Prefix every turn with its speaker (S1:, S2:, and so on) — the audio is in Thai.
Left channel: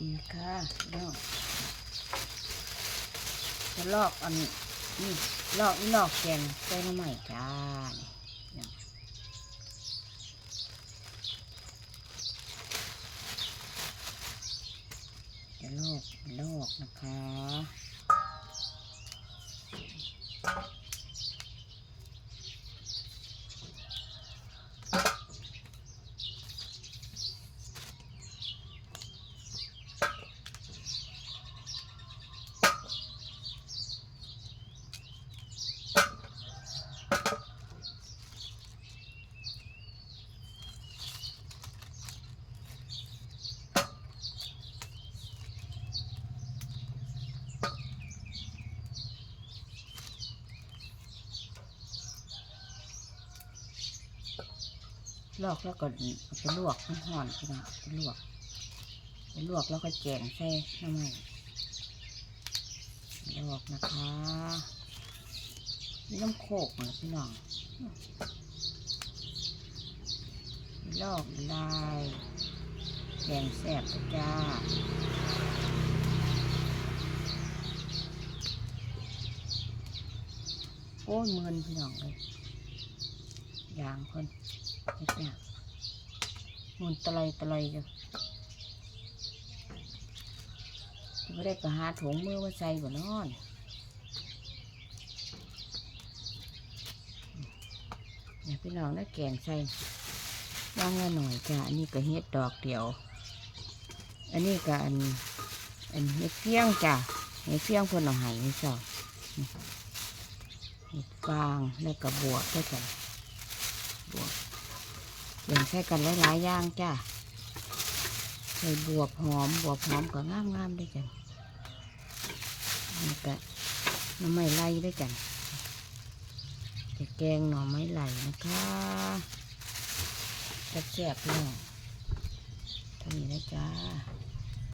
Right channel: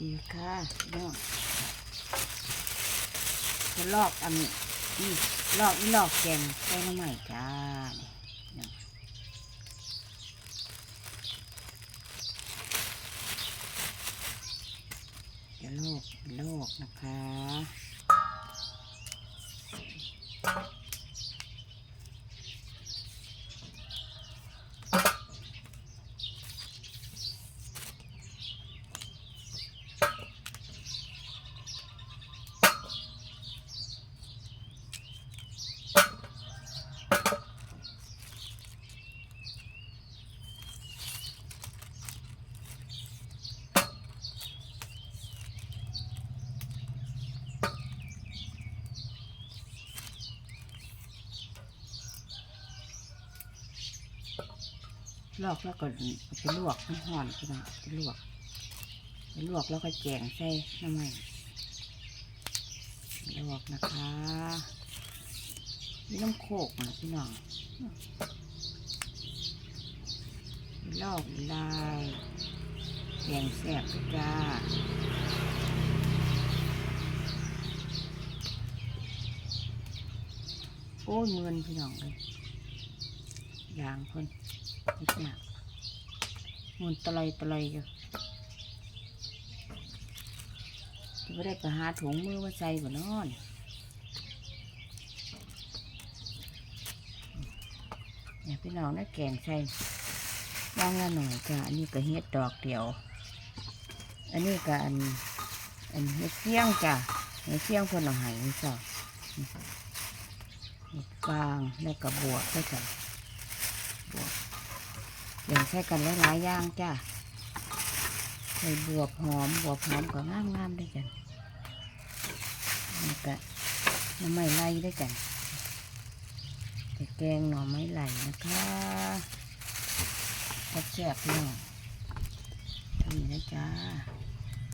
S1: ดีค่ะเดี๋ยวจะลอกอันนี้ลอกนี่ลอกแกงใส่น้ำใหม่จ้าจะลอกลอกนะคะ ลอกแล้วก็ไปลวกให้ห่อนพี่น้องไปลวกไปลวกแล้วก็แจงใส่น้ำใหม่ลวกนะคะนี่น้ำโคกนะพี่น้องลอกลายแดงแสบจ้าโอ้ยเมือนพี่น้องเลยยางคน เฮ็ดเนี่ยมันตะไลตะไลอยู่ไม่ได้ไปหาถุงมือมาใส่บ่นอนเนี่ยพี่น้องนะแกงใส่ย่างละหน่อยจ้ะอันนี้ก็เฮ็ดดอกเดียว อันนี้ก็อันอันเฮ็ดเฟี้ยงจ้ะเฮ็ดเฟี้ยงเพิ่นเอาให้ไม่ชอบเห็ดกลางแล้วก็บวกด้วยกันบวก เดี๋ยงใส่กันหลายๆอย่างจ้าใส่บวบหอมบวบหอมก็งามงามๆด้วยกันแล้วก็น้ำไม้ไล่ด้วยกันจะแกงหน่อไม้ไหลนะคะกระแจบเนาะทำนี้นะจ้า